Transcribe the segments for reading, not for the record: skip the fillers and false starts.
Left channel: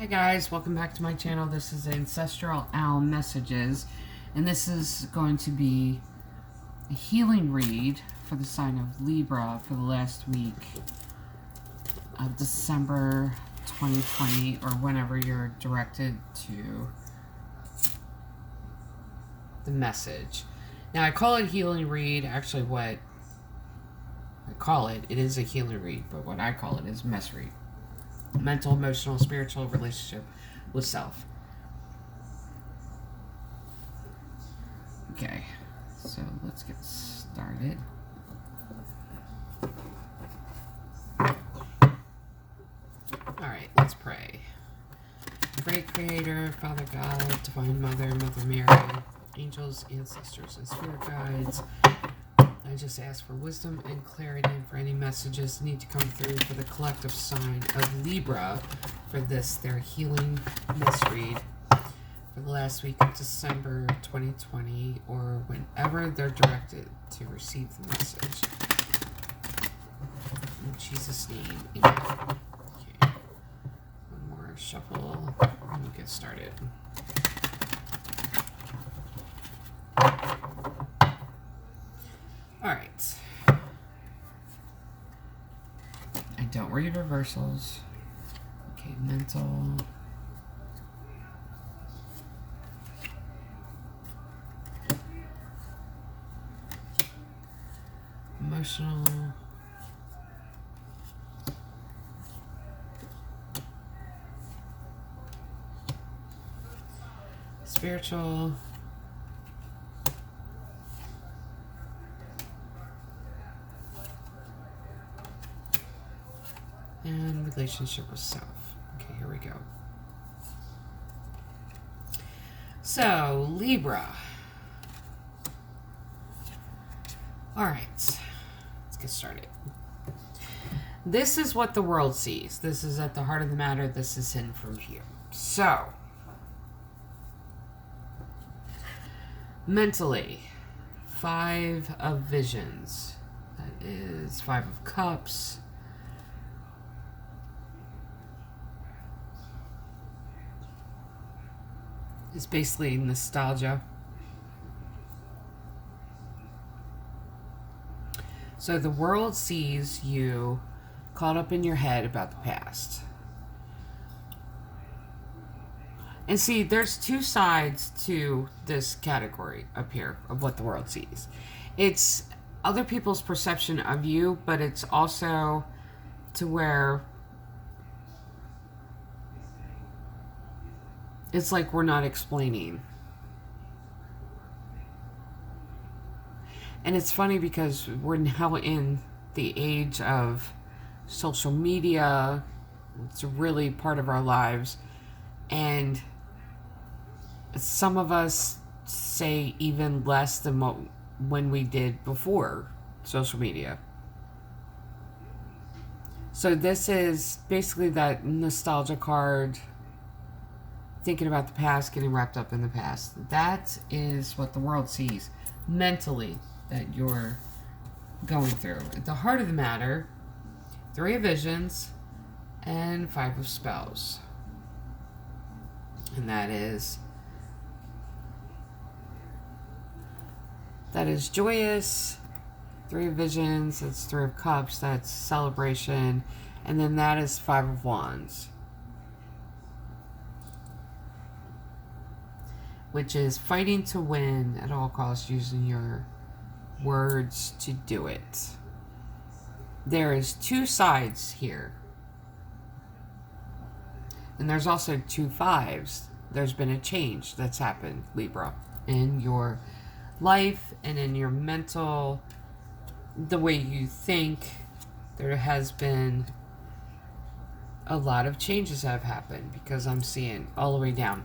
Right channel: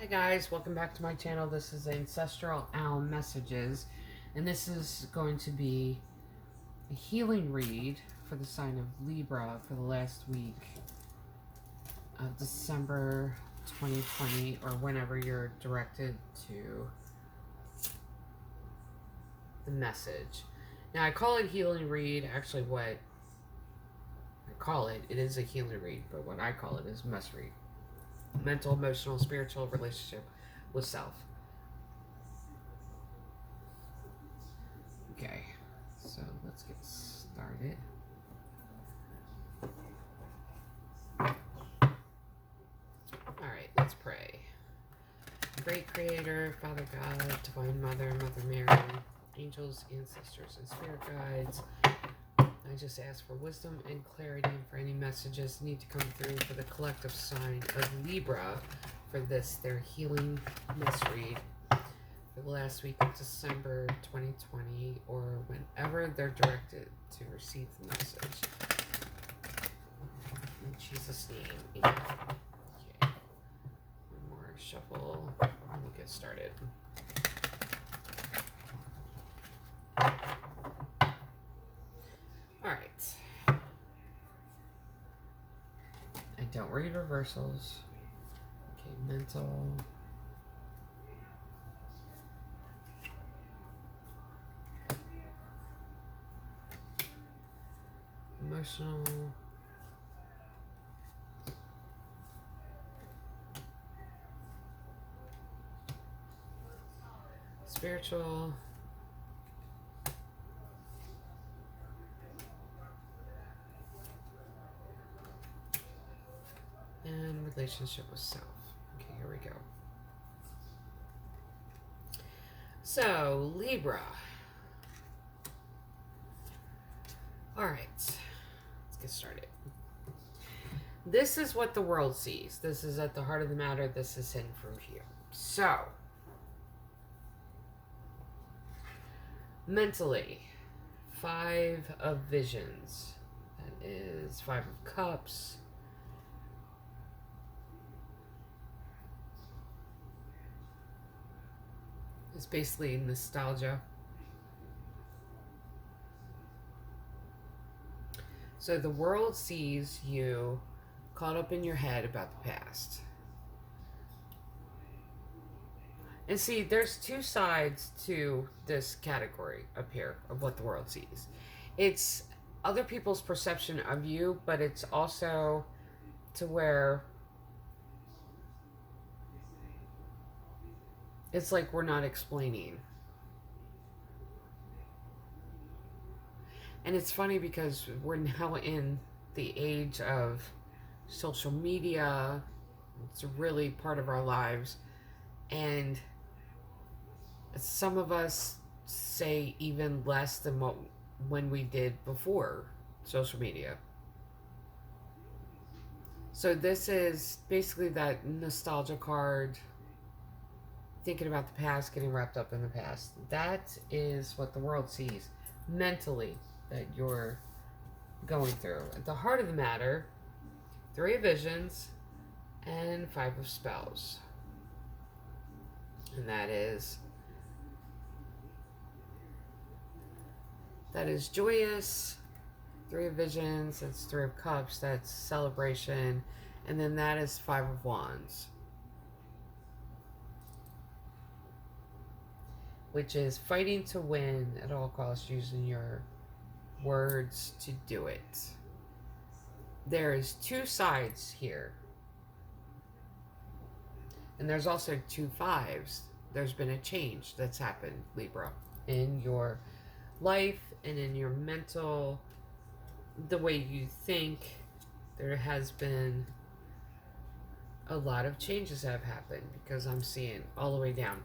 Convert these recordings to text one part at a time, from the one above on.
Hi guys, welcome back to my channel. This is Ancestral Owl Messages, and this is going to be a healing read for the sign of Libra for the last week of December 2020, or whenever you're directed to the message. Now, I call it healing read. Actually, what I call it is a healing read, but what I call it is mess read. Mental, emotional, spiritual relationship with self. Okay, so let's get started. Alright, let's pray. Great Creator, Father God, Divine Mother, Mother Mary, angels, ancestors, and spirit guides, I just ask for wisdom and clarity and for any messages that need to come through for the collective sign of Libra for this, their healing mess read for the last week of December 2020, or whenever they're directed to receive the message. In Jesus' name, amen. Okay. One more shuffle and we'll get started. Alright. I don't read reversals. Okay, mental. Emotional. Spiritual. And relationship with self. Okay, here we go. So, Libra. Alright, let's get started. This is what the world sees. This is at the heart of the matter. This is hidden from view. So, mentally, 5 of visions. That is 5 of cups. It's basically nostalgia. So the world sees you caught up in your head about the past. And see, there's 2 sides to this category up here of what the world sees. It's other people's perception of you, but it's also to where it's like we're not explaining. And it's funny because we're now in the age of social media. It's really part of our lives. And some of us say even less than what when we did before social media. So this is basically that nostalgia card, thinking about the past, getting wrapped up in the past. That is what the world sees mentally that you're going through. At the heart of the matter, 3 of visions and 5 of spells. And that is joyous. 3 of visions, that's 3 of cups, that's celebration. And then that is 5 of wands, which is fighting to win at all costs, using your words to do it. There is 2 sides here. And there's also 2 5s. There's been a change that's happened, Libra, in your life and in your mental, the way you think. There has been a lot of changes that have happened, because I'm seeing all the way down.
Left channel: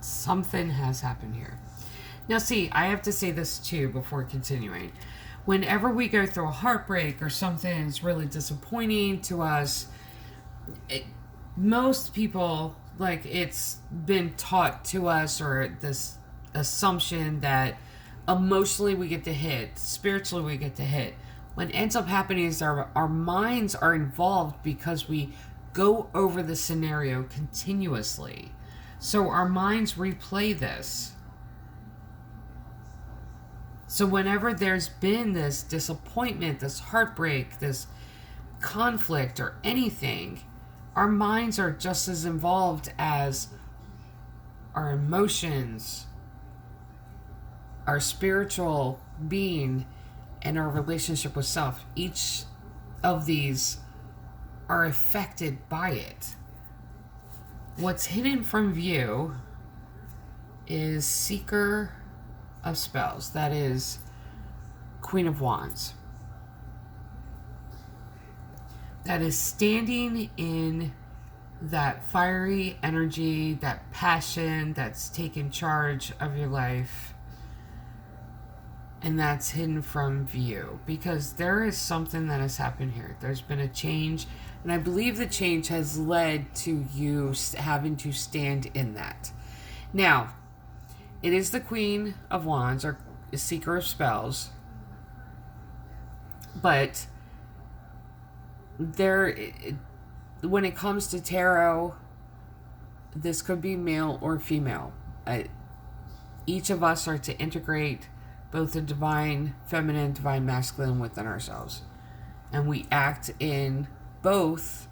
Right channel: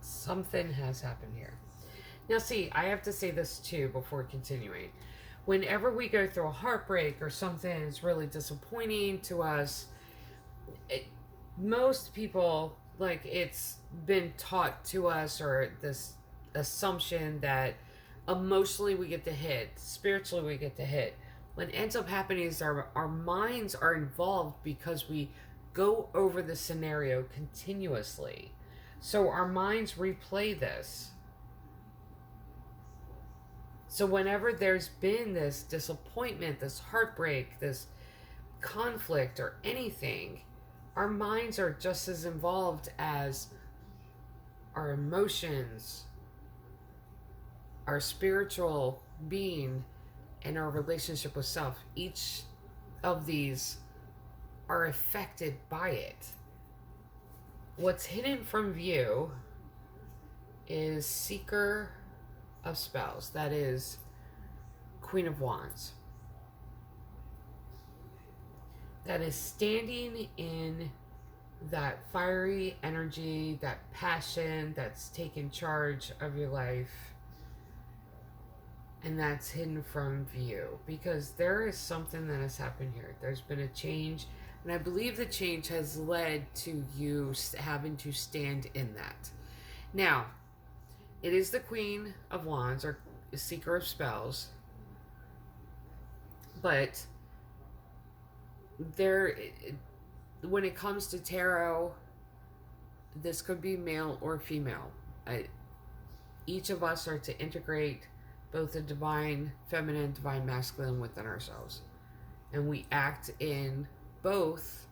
Something has happened here. Now, see, I have to say this too before continuing. Whenever we go through a heartbreak or something that's really disappointing to us, most people, like, it's been taught to us, or this assumption that emotionally we get the hit, spiritually we get the hit. What ends up happening is our minds are involved because we go over the scenario continuously. So our minds replay this. So whenever there's been this disappointment, this heartbreak, this conflict or anything, our minds are just as involved as our emotions, our spiritual being, and our relationship with self. Each of these are affected by it. What's hidden from view is Seeker of Spells. That is Queen of Wands. That is standing in that fiery energy, that passion that's taken charge of your life. And that's hidden from view because there is something that has happened here. There's been a change, and I believe the change has led to you having to stand in that. Now, it is the Queen of Wands, or Seeker of Spells, but when it comes to tarot, this could be male or female. Each of us are to integrate both the divine feminine, divine masculine within ourselves. And we act in both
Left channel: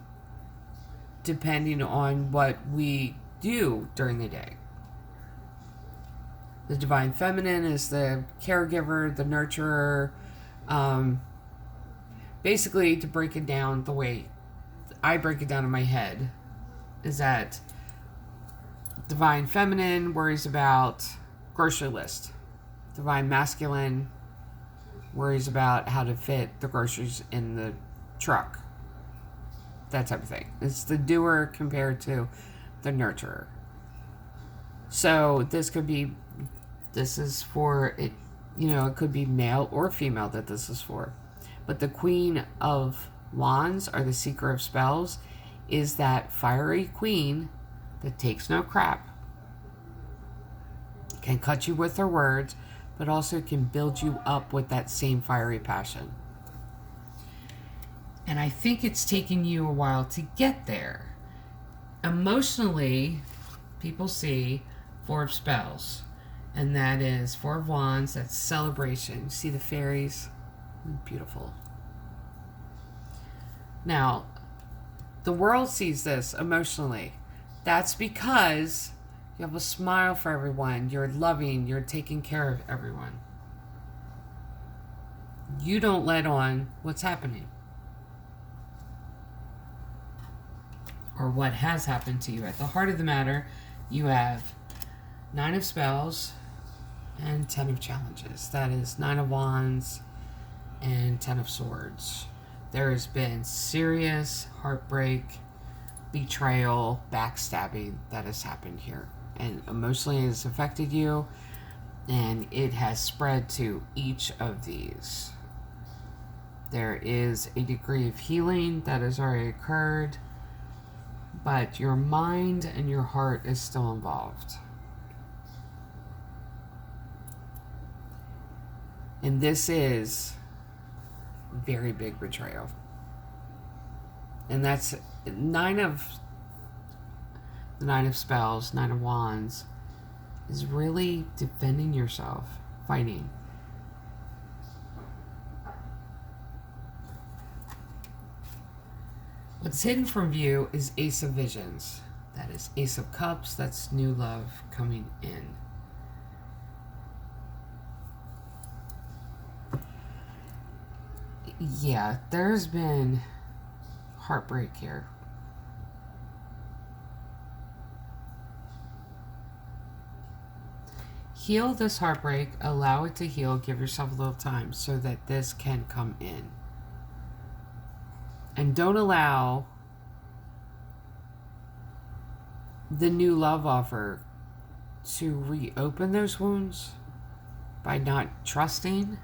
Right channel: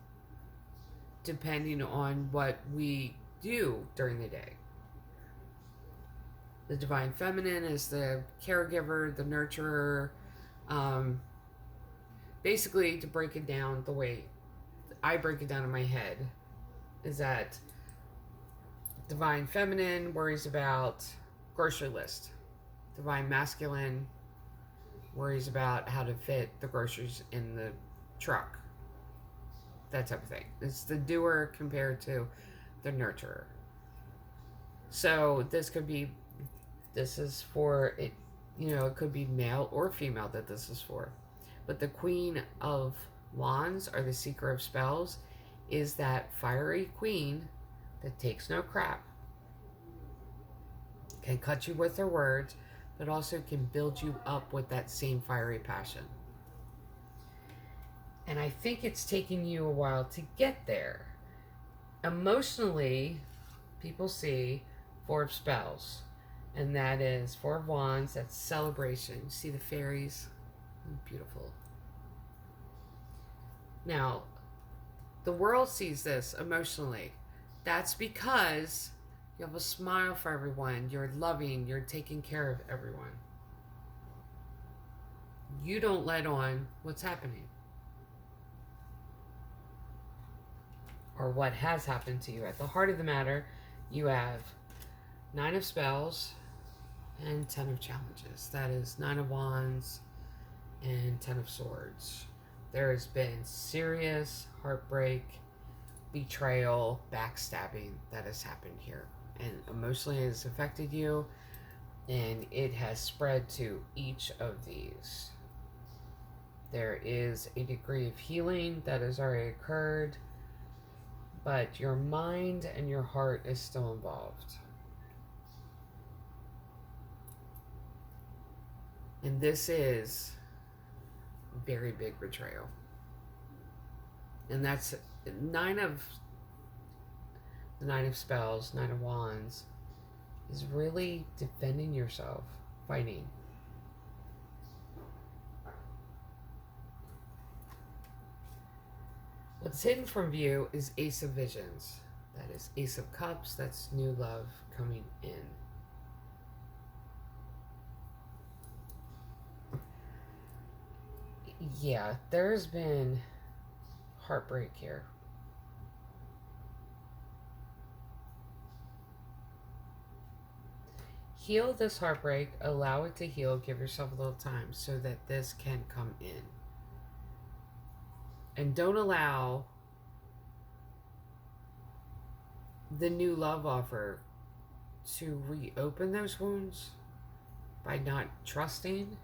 depending on what we do during the day. The divine feminine is the caregiver, the nurturer. Basically, to break it down the way I break it down in my head, is that divine feminine worries about grocery list. Divine masculine worries about how to fit the groceries in the truck. That type of thing. It's the doer compared to the nurturer. So this is for it, it could be male or female that this is for. But the Queen of Wands, or the Seeker of Spells, is that fiery queen that takes no crap, can cut you with her words, but also can build you up with that same fiery passion. And I think it's taken you a while to get there. Emotionally, people see Four of Spells, and that is Four of Wands, that's celebration. See the fairies? Beautiful. Now, the world sees this emotionally. That's because you have a smile for everyone. You're loving. You're taking care of everyone. You don't let on what's happening or what has happened to you. At the heart of the matter, you have Nine of Spells and 10 of Challenges. That is 9 of Wands and 10 of Swords. There has been serious heartbreak, betrayal, backstabbing that has happened here. And emotionally it has affected you, and it has spread to each of these. There is a degree of healing that has already occurred, but your mind and your heart is still involved. And this is very big betrayal. And that's the Nine of Spells, 9 of Wands, is really defending yourself, fighting. What's hidden from view is Ace of Visions. That is Ace of Cups. That's new love coming in. Yeah, there's been heartbreak here. Heal this heartbreak, allow it to heal, give yourself a little time so that this can come in. And don't allow the new love offer to reopen those wounds by not trusting.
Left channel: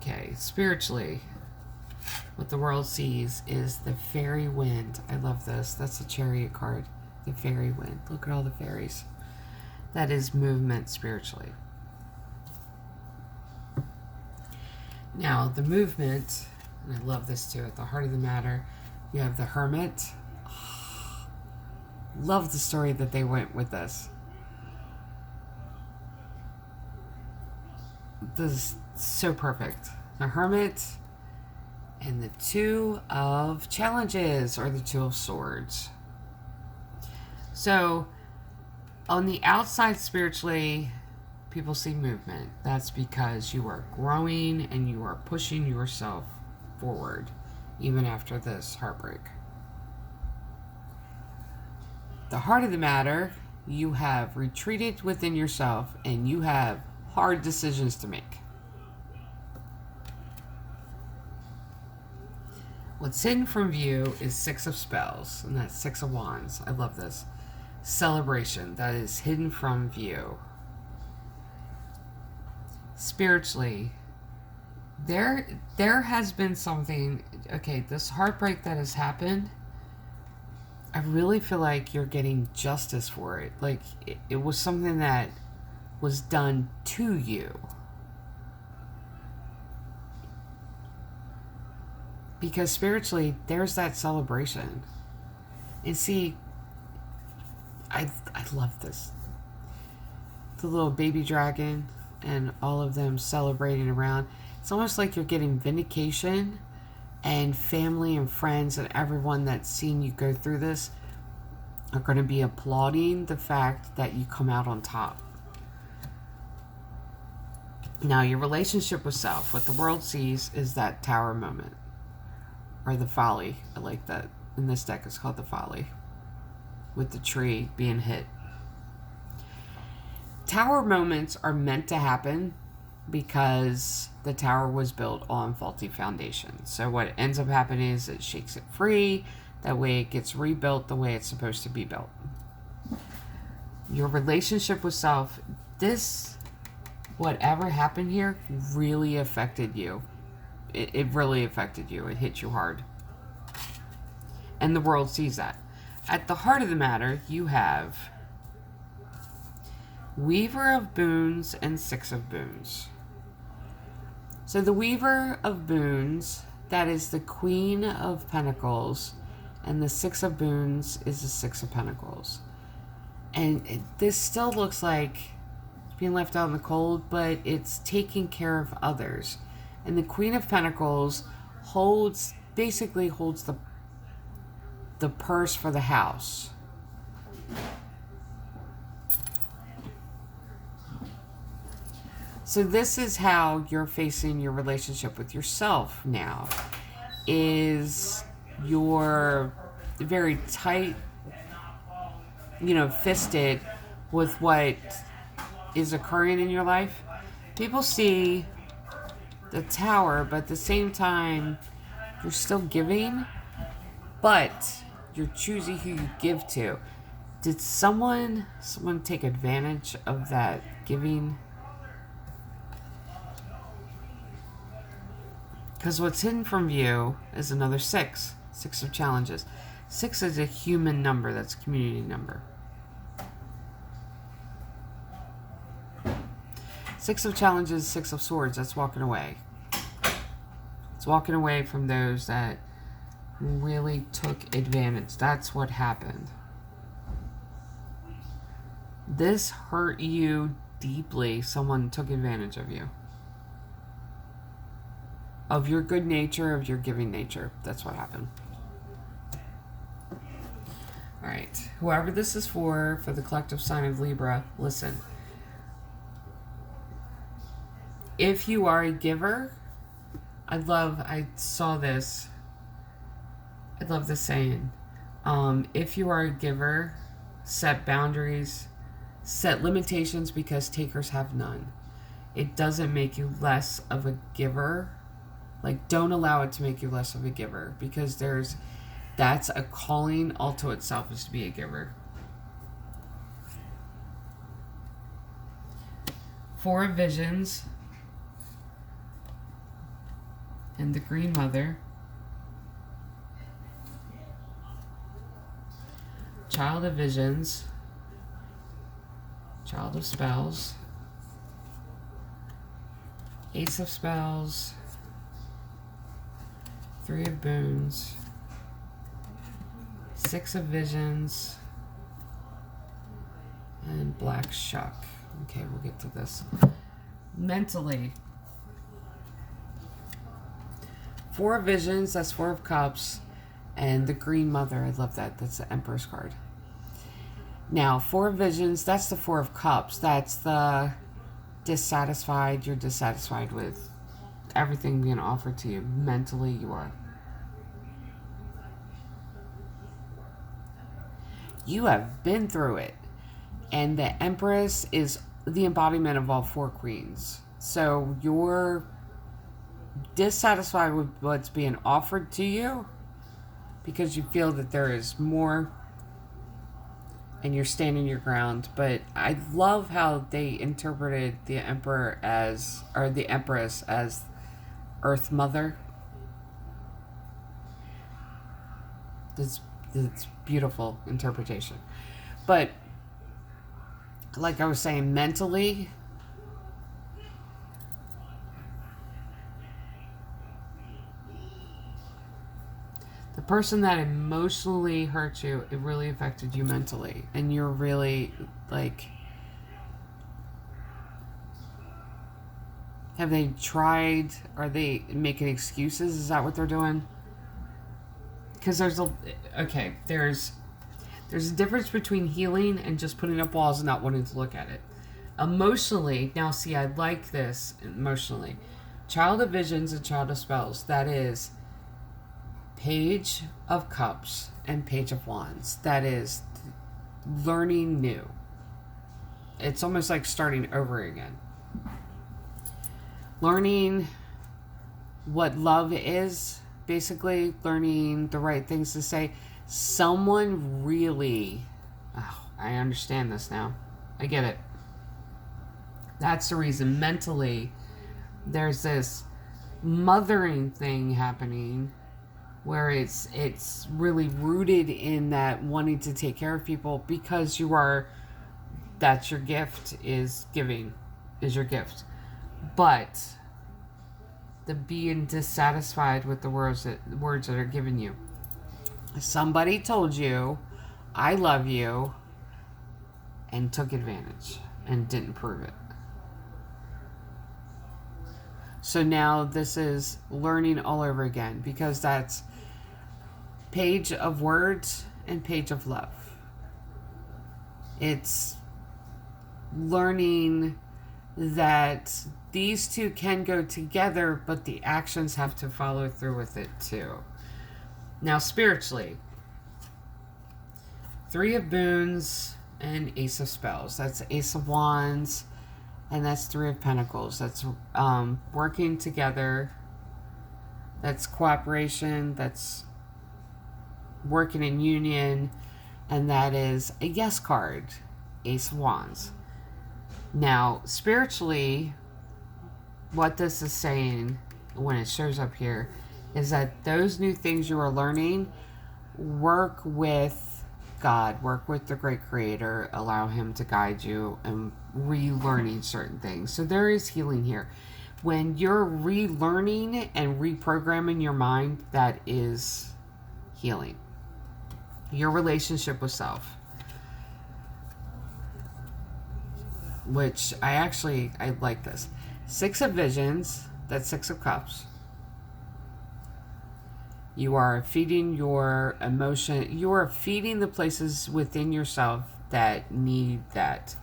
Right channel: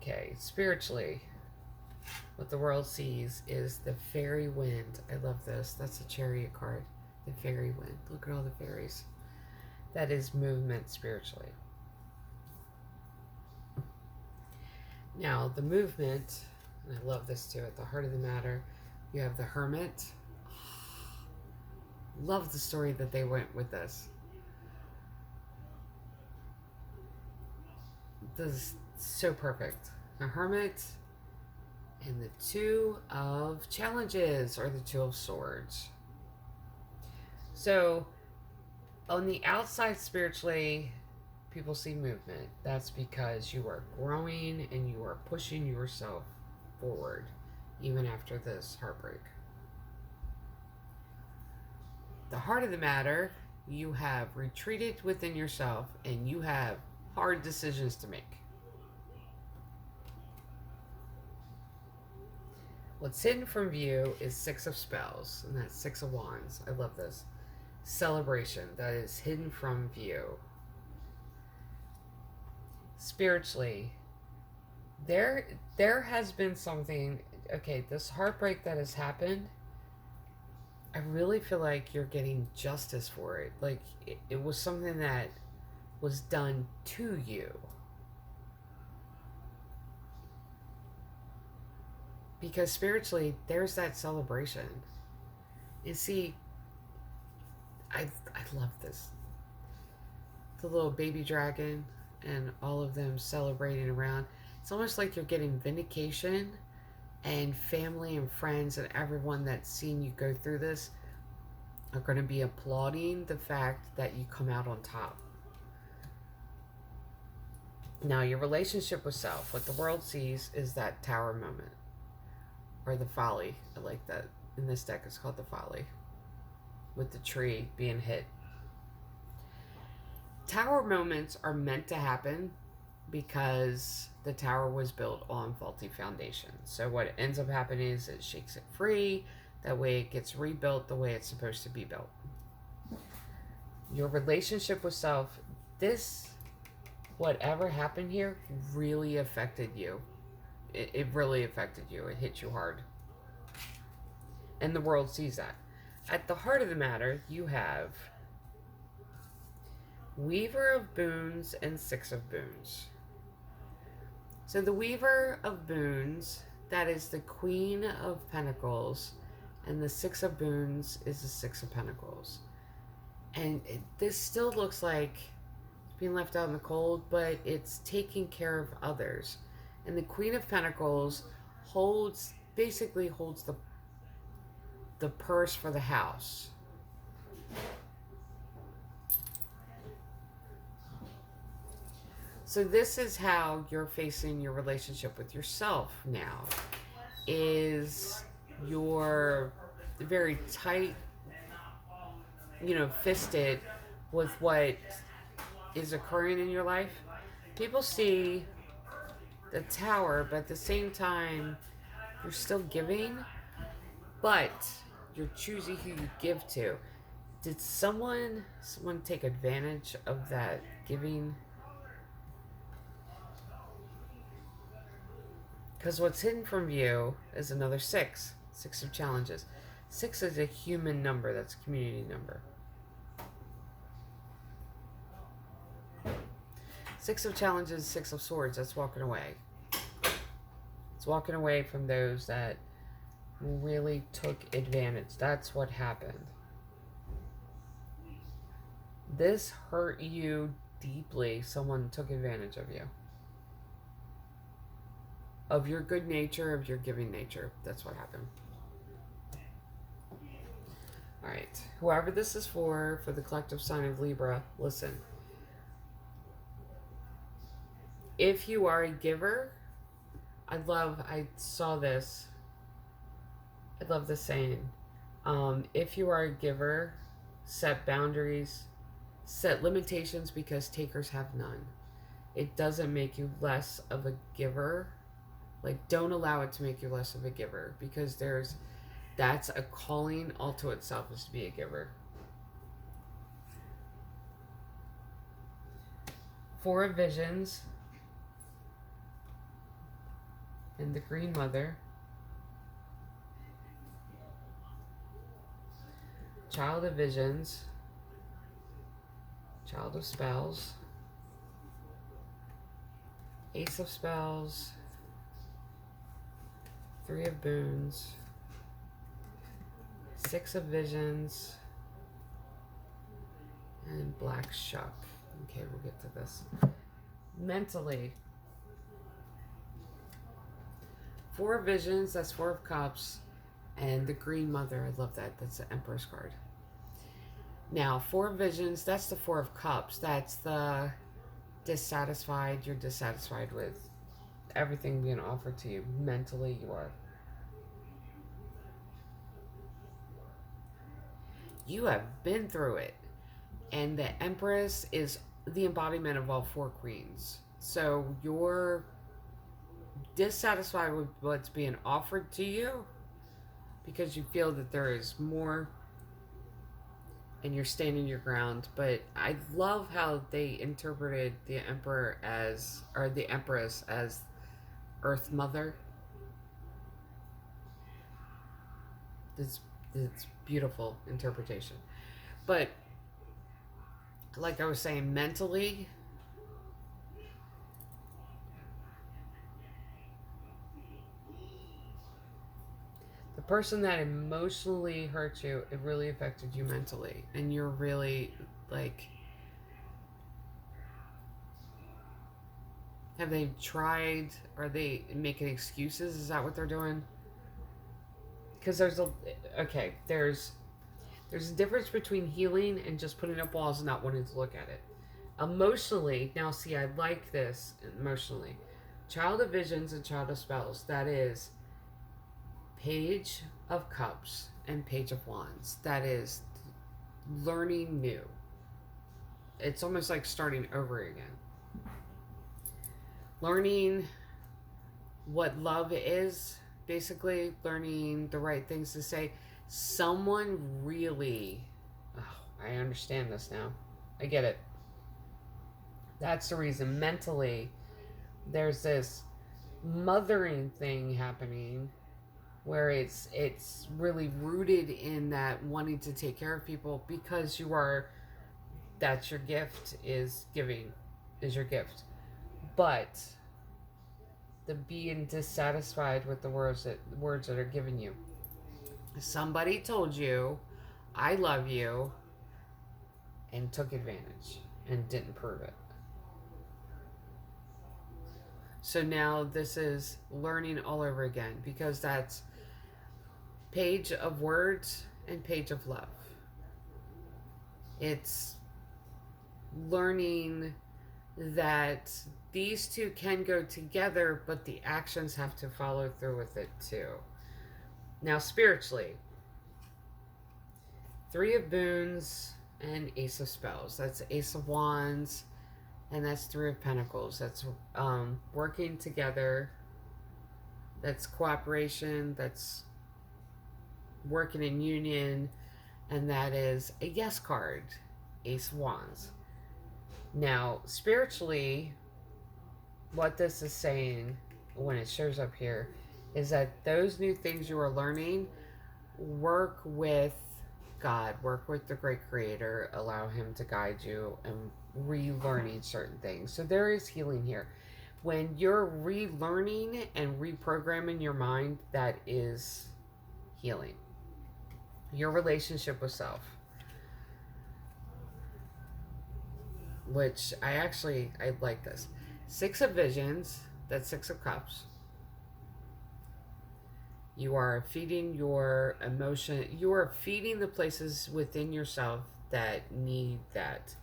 Okay, spiritually, what the world sees is the fairy wind. I love this. That's a Chariot card. The fairy wind. Look at all the fairies. That is movement spiritually. Now, the movement, And I love this too. At the heart of the matter, you have the Hermit. Love the story that they went with this. This is so perfect. The Hermit and the Two of Challenges, or the Two of Swords. So, on the outside spiritually, people see movement. That's because you are growing and you are pushing yourself forward, even after this heartbreak. The heart of the matter, you have retreated within yourself and you have hard decisions to make. What's hidden from view is Six of Spells, and that's Six of Wands. I love this. Celebration, that is hidden from view. Spiritually, there has been something, okay, this heartbreak that has happened, I really feel like you're getting justice for it. Like, it was something that was done to you. Because spiritually, there's that celebration. And see, I love this. The little baby dragon and all of them celebrating around. It's almost like you're getting vindication, and family and friends and everyone that's seen you go through this are going to be applauding the fact that you come out on top. Now, your relationship with self, what the world sees is that Tower moment. Or the Folly. I like that. In this deck, it's called the Folly. With the tree being hit. Tower moments are meant to happen because the tower was built on faulty foundations. So what ends up happening is it shakes it free. That way it gets rebuilt the way it's supposed to be built. Your relationship with self, whatever happened here, really affected you. It really affected you. It hit you hard. And the world sees that. At the heart of the matter, you have Weaver of Boons and Six of Boons. So the Weaver of Boons, that is the Queen of Pentacles, and the Six of Boons is the Six of Pentacles. And this still looks like being left out in the cold, but it's taking care of others. And the Queen of Pentacles basically holds the purse for the house. So this is how you're facing your relationship with yourself now. Is you're very tight, fisted with what is occurring in your life. People see the Tower, but at the same time, you're still giving, but you're choosing who you give to. Did someone take advantage of that giving? Because what's hidden from view is another six. Six of Challenges. 6 is a human number. That's a community number. 6 of Challenges, 6 of Swords. That's walking away. It's walking away from those that really took advantage. That's what happened. This hurt you deeply. Someone took advantage of you. Of your good nature, of your giving nature. That's what happened. Alright. Whoever this is for the collective sign of Libra, listen. If you are a giver, I saw this. I love this saying. If you are a giver, set boundaries, set limitations, because takers have none. It doesn't make you less of a giver. Like, don't allow it to make you less of a giver, because that's a calling all to itself, is to be a giver. 4 of Visions and the Green Mother. Child of Visions, Child of Spells, Ace of Spells, Three of Boons, Six of Visions, and Black Shuck. Okay, we'll get to this. Mentally, Four of Visions, that's Four of Cups, and the Green Mother. I love that. That's the Empress card. Now, Four of Visions, that's the Four of Cups. That's the dissatisfied. You're dissatisfied with everything being offered to you. Mentally, you are. You have been through it. And the Empress is the embodiment of all four queens. So you're dissatisfied with what's being offered to you because you feel that there is more and you're standing your ground. But I love how they interpreted the Emperor as, or the Empress as Earth Mother. It's beautiful interpretation. But like I was saying, mentally, the person that emotionally hurt you, it really affected you mentally. And you're really, like, have they tried, are they making excuses? Is that what they're doing? Because there's a difference between healing and just putting up walls and not wanting to look at it. Emotionally, now see, I like this emotionally. Child of Visions and Child of Spells, that is Page of Cups and Page of Wands. That is learning new. It's almost like starting over again. Learning what love is, basically learning the right things to say. Someone really, I understand this now. I get it. That's the reason mentally there's this mothering thing happening where it's really rooted in that wanting to take care of people because that's your gift, is giving, is your gift. But the being dissatisfied with the words that are given you. Somebody told you, I love you, and took advantage and didn't prove it. So now this is learning all over again, because that's Page of Words and Page of Love. It's learning that these two can go together, but the actions have to follow through with it too. Now, spiritually, Three of Boons and Ace of Spells. That's Ace of Wands, and that's Three of Pentacles. That's working together. That's cooperation. That's working in union. And that is a yes card, Ace of Wands. Now, spiritually, what this is saying when it shows up here is that those new things you are learning, work with God, work with the great creator, allow him to guide you and relearning certain things. So there is healing here. When you're relearning and reprogramming your mind, that is healing. Your relationship with self. Which I like this. Six of Visions, that's Six of Cups. You are feeding your emotion. You are feeding the places within yourself that need that.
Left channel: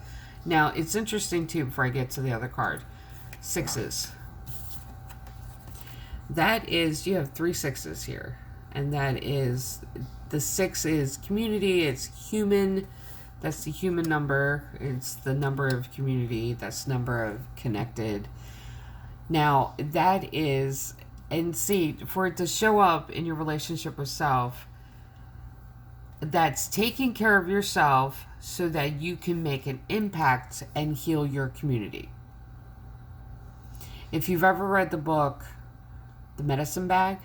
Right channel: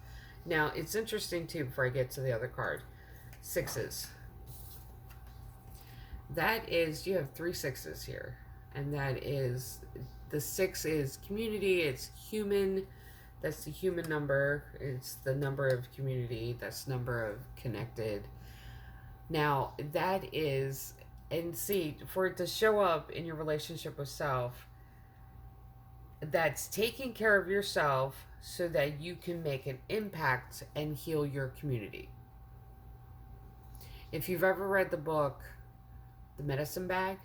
Now, it's interesting too, before I get to the other card. Sixes. That is, you have 3 sixes here. And that is, the 6 is community, it's human. That's the human number. It's the number of community. That's the number of connected. Now, that is, and see, for it to show up in your relationship with self, that's taking care of yourself so that you can make an impact and heal your community. If you've ever read the book, The Medicine Bag,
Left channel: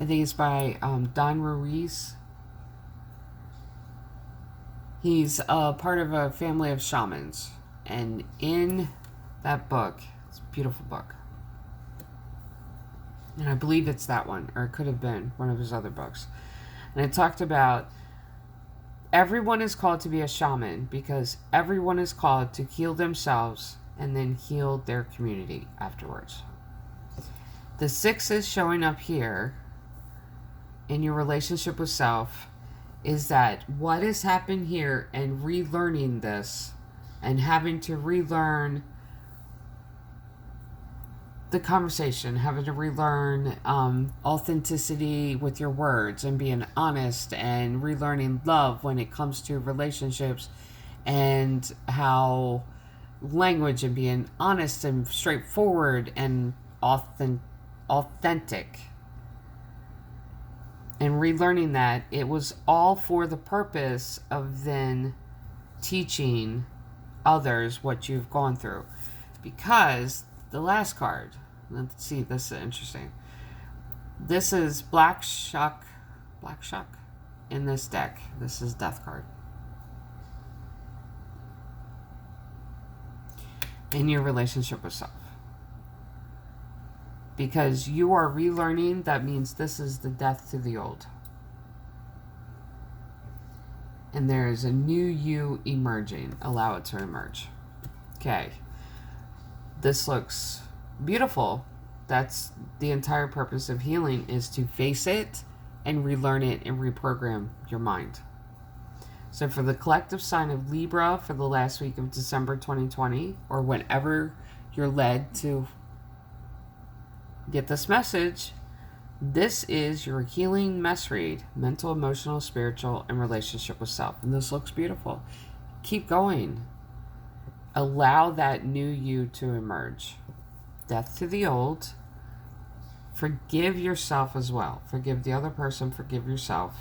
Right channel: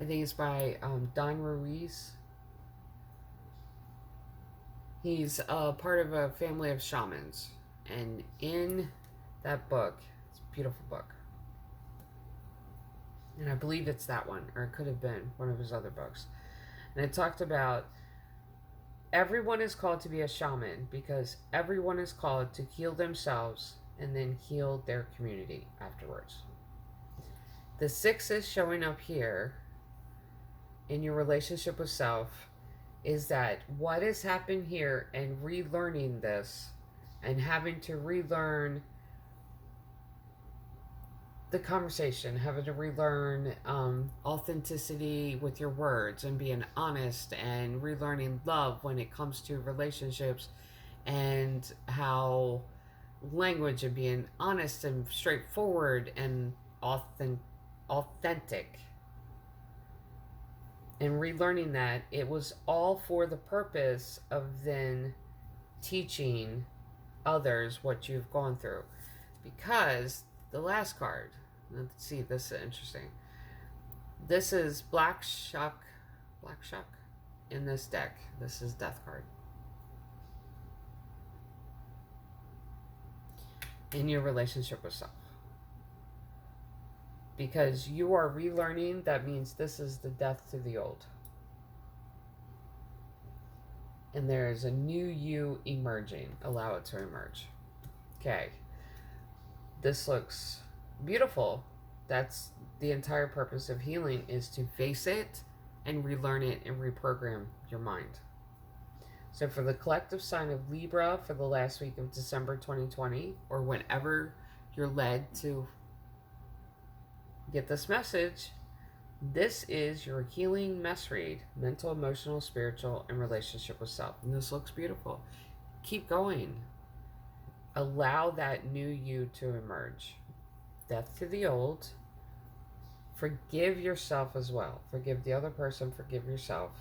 I think it's by Don Ruiz. He's a part of a family of shamans. And in that book, it's a beautiful book, And I believe it's that one, or it could have been one of his other books. And it talked about everyone is called to be a shaman because everyone is called to heal themselves and then heal their community afterwards. The 6 is showing up here in your relationship with self is that what has happened here and relearning this and having to relearn the conversation, having to relearn authenticity with your words and being honest and relearning love when it comes to relationships and how language and being honest and straightforward and authentic and relearning that it was all for the purpose of then teaching others what you've gone through. Because the last card, let's see, this is interesting. This is black shuck in this deck. This is death card. In your relationship with self. Because you are relearning, that means this is the death to the old. And there is a new you emerging. Allow it to emerge. Okay. This looks beautiful. That's the entire purpose of healing, is to face it and relearn it and reprogram your mind. So for the collective sign of Libra for the last week of December 2020, or whenever you're led to get this message, this is your healing mess read, mental, emotional, spiritual, and relationship with self. And this looks beautiful. Keep going. Allow that new you to emerge. Death to the old. Forgive yourself as well. Forgive the other person, forgive yourself,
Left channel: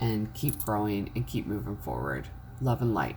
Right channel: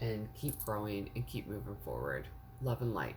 and keep growing and keep moving forward. Love and light.